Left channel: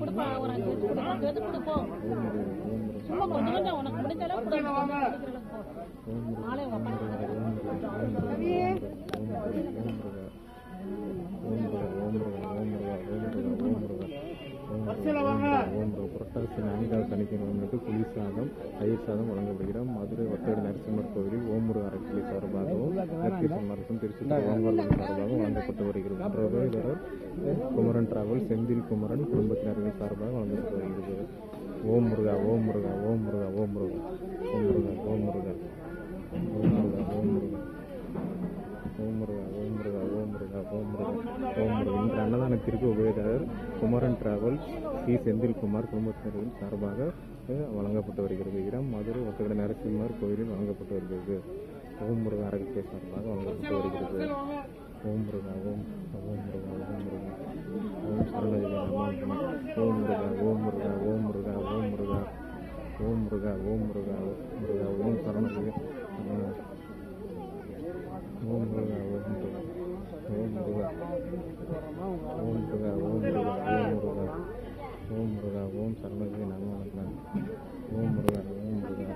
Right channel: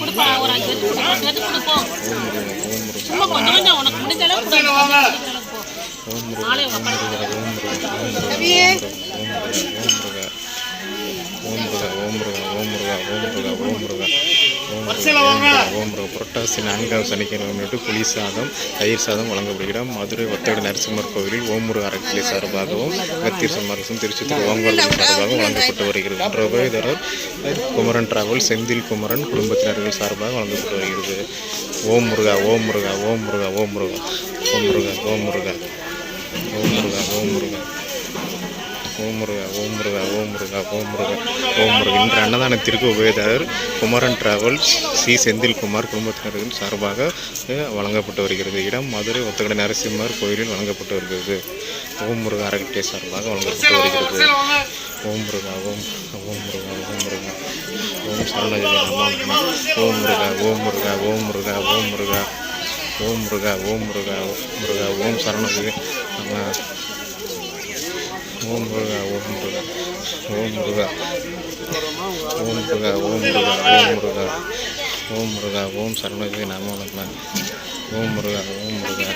கொடுப்பா ஒரு 5 பேருக்கு கொடு 10 பேருக்கு கொடுப்போம் சும்மா கொஞ்சம் கொஞ்சம் உனக்கு முடிஞ்ச அளவுக்கு கொடு நாளை புரட்டாசி 4ஆம் சனிக்கிழமை முன்னிட்டு புளி சாதம் தயிர் சாதம் வழங்கப்படுகிறது. மதுரை ஒத்தகடை நரசிம்மர் கோவிலில் ஓமுருக அறக்கட்டளை சார்பாகவும் கத்தீர் சமரசம் திருச்சித்தூர் ஓங்கோல் சார்பாகவும் வழங்கப்பட்டு வருகிறது. பிரபேதரர் குமரன் டிராவல் செந்தில் குமரன் குடும்பத்தினர்கள் சார்பாக வழங்கப்பட்டு வருகிறது. ஓம் முருகா ஓம் முருகா ஓம் முருகா ஓம் முருகா ஓம் முருகா ஓம் முருகா ஓம் முருகா ஓம் முருகா ஓம் முருகா ஓம் முருகா ஓம் முருகா ஓம் முருகா ஓம் முருகா. இன்று அன்னதானத்திற்கு உபயதாரர் குமரன் டிராவல்ஸ் சி செந்தில்குமார் குடும்பத்தினர்கள் சார்பாக வழங்கப்பட்டு வருகிறது. இடம் மதுரை ஒத்தகடை நரசிம்மர் கோயிலில் வழங்கப்பட்டு வருகிறது. ஓம் முருகா அறக்கட்டளை சார்பாக வழங்கப்பட்டு வருகிறது. ஓம் முருகா ஓம் ஓம் முருகா ஓம் முருகா ஓம் சரணஜி நமோ நம ஓம் முருகா ஓம் முருகா ஓம் முருகா ஓம் முருகா ஓம் முருகா ஓம் முருகா முருகா ஓம் சரணஜி நம ஓம் முருகா ஓம் முருகா ஓம் முருகா ஓம் முருகா ஓம் முருகா ஓம் முருகா ஓம் முருகா ஓம் சரணஜி நமோ நம ஓம் முருகா ஓம் முருகா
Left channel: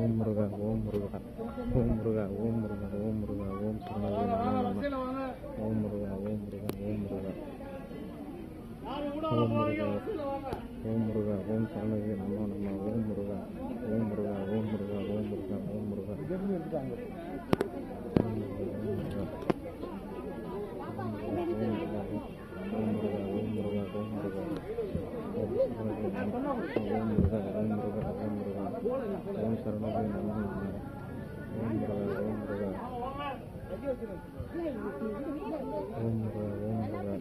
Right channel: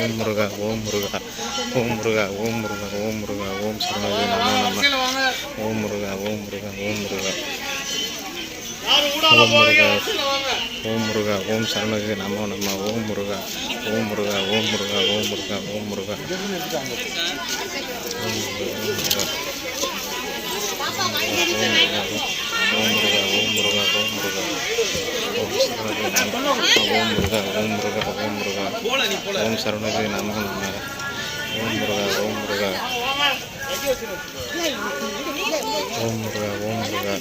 ஓம் முருகா ஓம் முருகா ஓம் முருகா ஓம் முருகா ஓம் முருகா ஓம் சரணஜி நமோ நம ஓம் முருகா ஓம் முருகா ஓம் முருகா ஓம் முருகா ஓம் முருகா ஓம் சரணஜி நமோ நம ஓம் முருகா ஓம் முருகா ஓம் முருகா ஓம் முருகா ஓம் முருகா ஓம் முருகா ஓம் முருகா ஓம் சரணஜி நமோ ஓம் முருகா ஓம் முருகா ஓம் முருகா ஓம் சரணஜி நமோ நம ஓம் முருகா ஓம் முருகா ஓம் முருகா ஓம் முருகா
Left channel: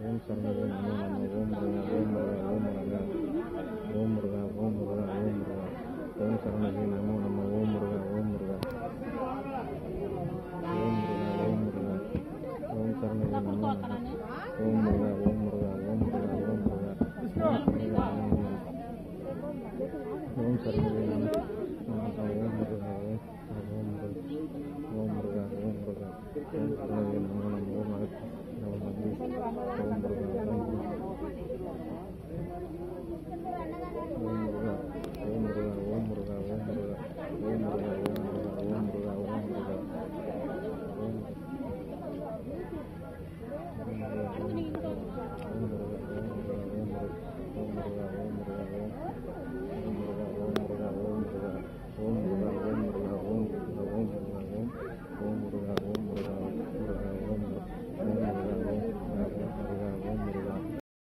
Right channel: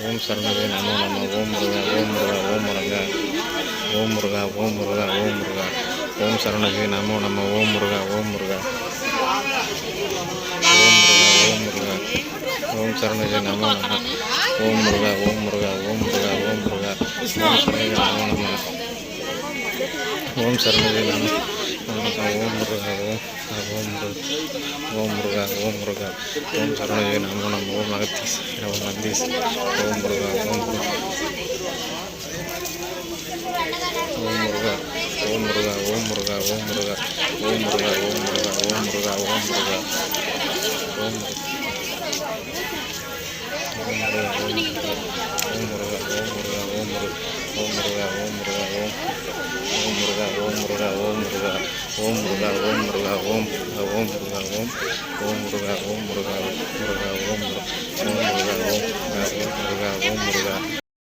ஓம் சரணஜி நமோ நம ஓம் முருகா ஓம் முருகா ஓம் முருகா ஓம் முருகா ஓம் முருகா ஓம் முருகா ஓம் சரணஜி நமோ நம ஓம் முருகா ஓம் முருகா ஓம் முருகா ஓம் முருகா ஓம் சரணஜி நமோ நம ஓம் முருகா ஓம் முருகா ஓம் முருகா ஓம் முருகா ஓம் சரணஜி நமோ நம ஓம் சரணஜி நமோ ஓம் முருகா ஓம் முருகா ஓம் முருகா ஓம் சரணஜி நமோ நம ஓம் அகத்தீஸ் ஓம் நந்தீஸ் ஓம் முருகா ஓம் முருகா ஓம் முருகா ஓம் முருகா ஓம் முருகா ஓம் முருகா ஓம் முருகா ஓம் முருகா ஓம் முருகா ஓம் முருகா ஓம்